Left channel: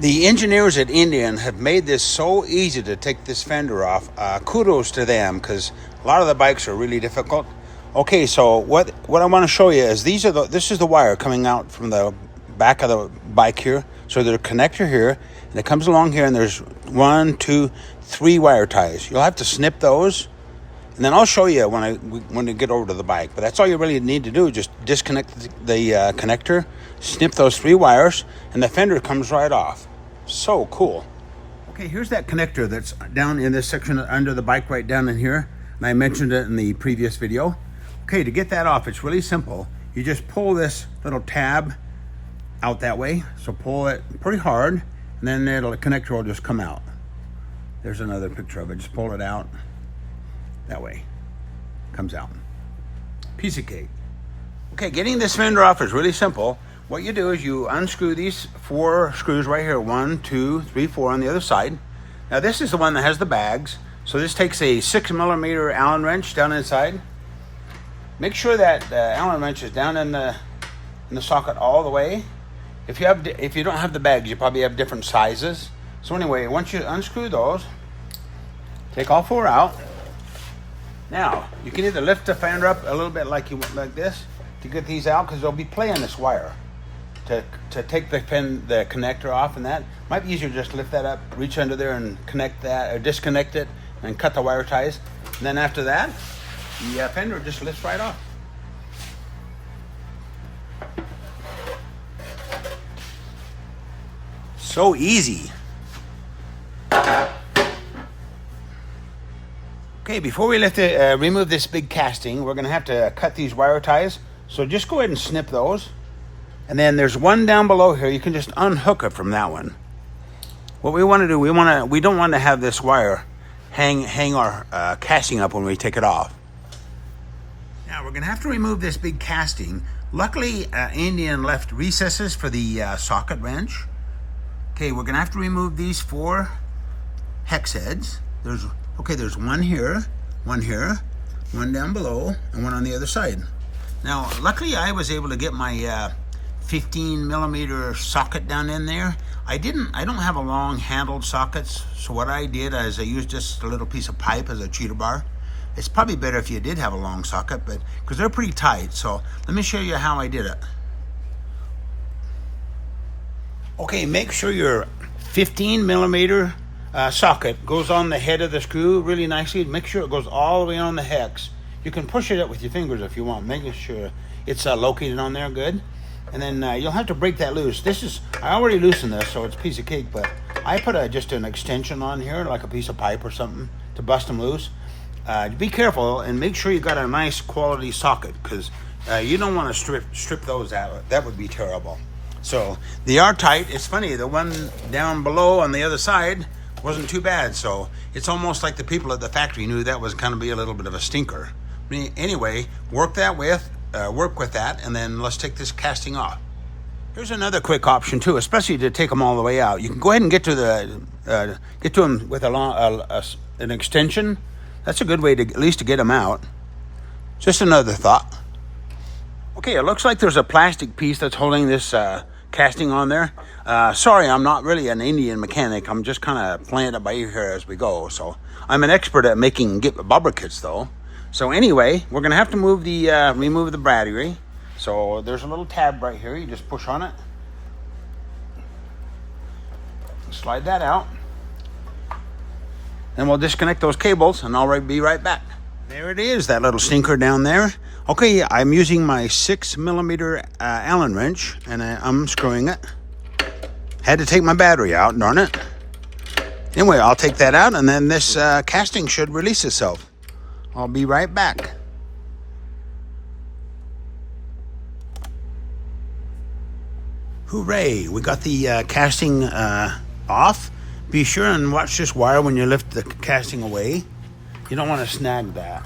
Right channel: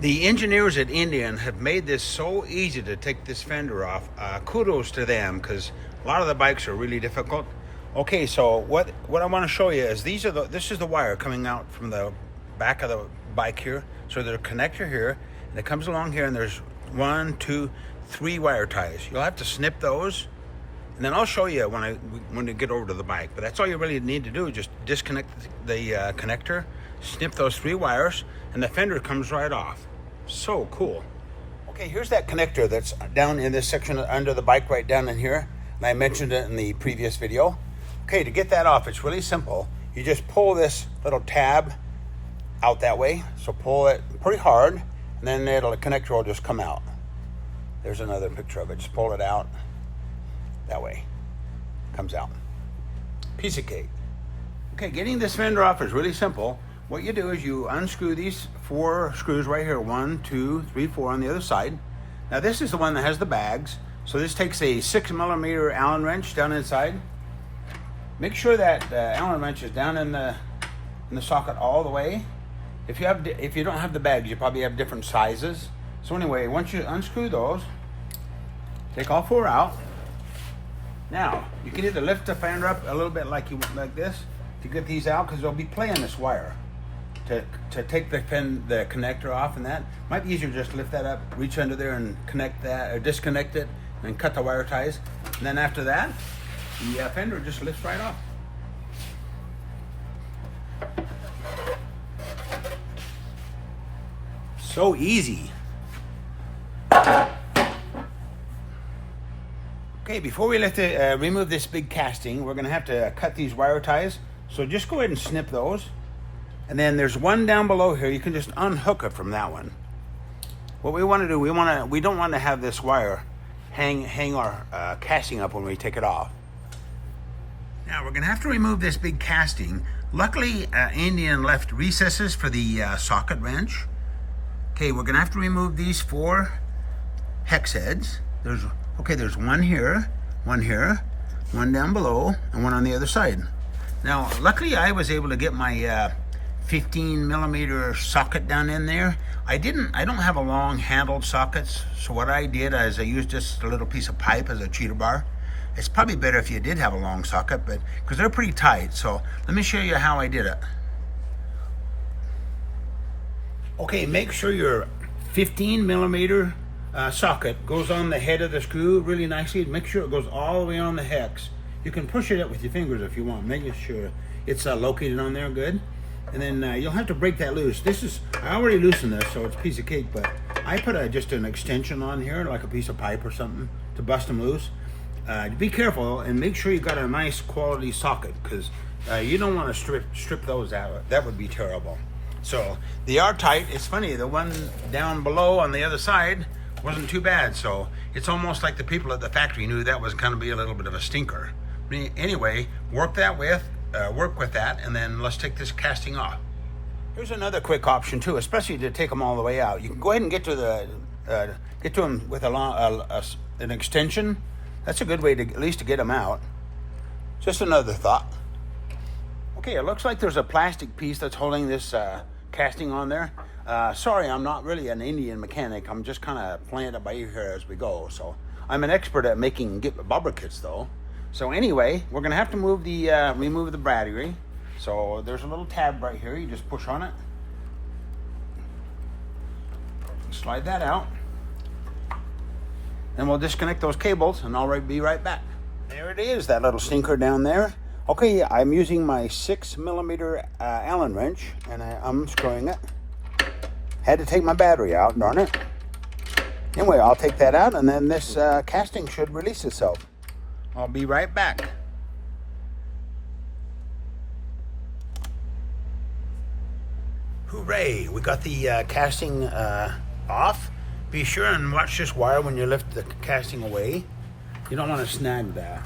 The engineers at Indian have made this so easy to take this fender off. Kudos to them, because a lot of the bikes are really difficult. Okay, so what I want to show you is this is the wire coming out from the back of the bike here. So there's a connector here, and it comes along here, and there's 1, 2, 3 wire ties. You'll have to snip those, and then I'll show you when we get over to the bike. But that's all you really need to do. Just disconnect the connector, snip those 3 wires, and the fender comes right off. So cool. Okay, here's that connector that's down in this section under the bike, right down in here. And I mentioned it in the previous video. Okay, to get that off, it's really simple. You just pull this little tab out that way. So pull it pretty hard, and then the connector will just come out. There's another picture of it. Just pull it out that way. Comes out. Piece of cake. Okay, getting this fender off is really simple. What you do is you unscrew these 4 screws right here. 1, 2, 3, 4 on the other side. Now this is the one that has the bags. So this takes a 6mm Allen wrench down inside. Make sure that the Allen wrench is down in the socket all the way. If you don't have the bags, you probably have different sizes. So anyway, once you unscrew those, take all 4 out. Now you can either lift the fender up a little bit like this to get these out, because they'll be playing this wire to take the connector off, and that might be easier. Just lift that up, reach under there and connect that, or disconnect it and cut the wire ties. And then after that, the fender just lifts right off. So easy. Okay, before we remove this big casting, we're gonna have to cut these wire ties. So just go ahead and snip those. And then there's one down below here. You can just unhook it from that one. What we want to do, we don't want to have this wire hang our casting up when we take it off. Now we're gonna have to remove this big casting. Luckily, Indian left recesses for the socket wrench. Okay, we're gonna have to remove these 4 hex heads. There's one here, one down below, and one on the other side. Now, luckily I was able to get my 15mm socket down in there. I don't have a long handled sockets, so what I did is I used just a little piece of pipe as a cheater bar. It's probably better if you did have a long socket, but because they're pretty tight. So let me show you how I did it. Okay, make sure your 15mm socket goes on the head of the screw really nicely. Make sure it goes all the way on the hex. You can push it up with your fingers if you want, making sure it's located on there good. And then you'll have to break that loose. I already loosened this, so it's a piece of cake, but I put just an extension on here, like a piece of pipe or something, to bust them loose. Be careful and make sure you got a nice quality socket, because you don't want to strip those out. That would be terrible. So they are tight. It's funny, the one down below on the other side wasn't too bad. So it's almost like the people at the factory knew that was going to be a little bit of a stinker. Anyway, work with that, and then let's take this casting off. Here's another quick option too, especially to take them all the way out. You can go ahead and get to them with an extension. That's a good way to at least to get them out. Just another thought. Okay, it looks like there's a plastic piece that's holding this casting on there. Sorry, I'm not really an Indian mechanic. I'm just kind of playing it by ear here as we go. So I'm an expert at making bobber kits though. So anyway, we're gonna have to remove the battery. So there's a little tab right here. You just push on it. Slide that out. Then we'll disconnect those cables, and I'll be right back. There it is, that little stinker down there. Okay, I'm using my 6mm Allen wrench, and I'm unscrewing it. Had to take my battery out, darn it. Anyway, I'll take that out, and then this casting should release itself. I'll be right back. Hooray, we got the casting off. Be sure and watch this wire when you lift the casting away. You don't want to snag that.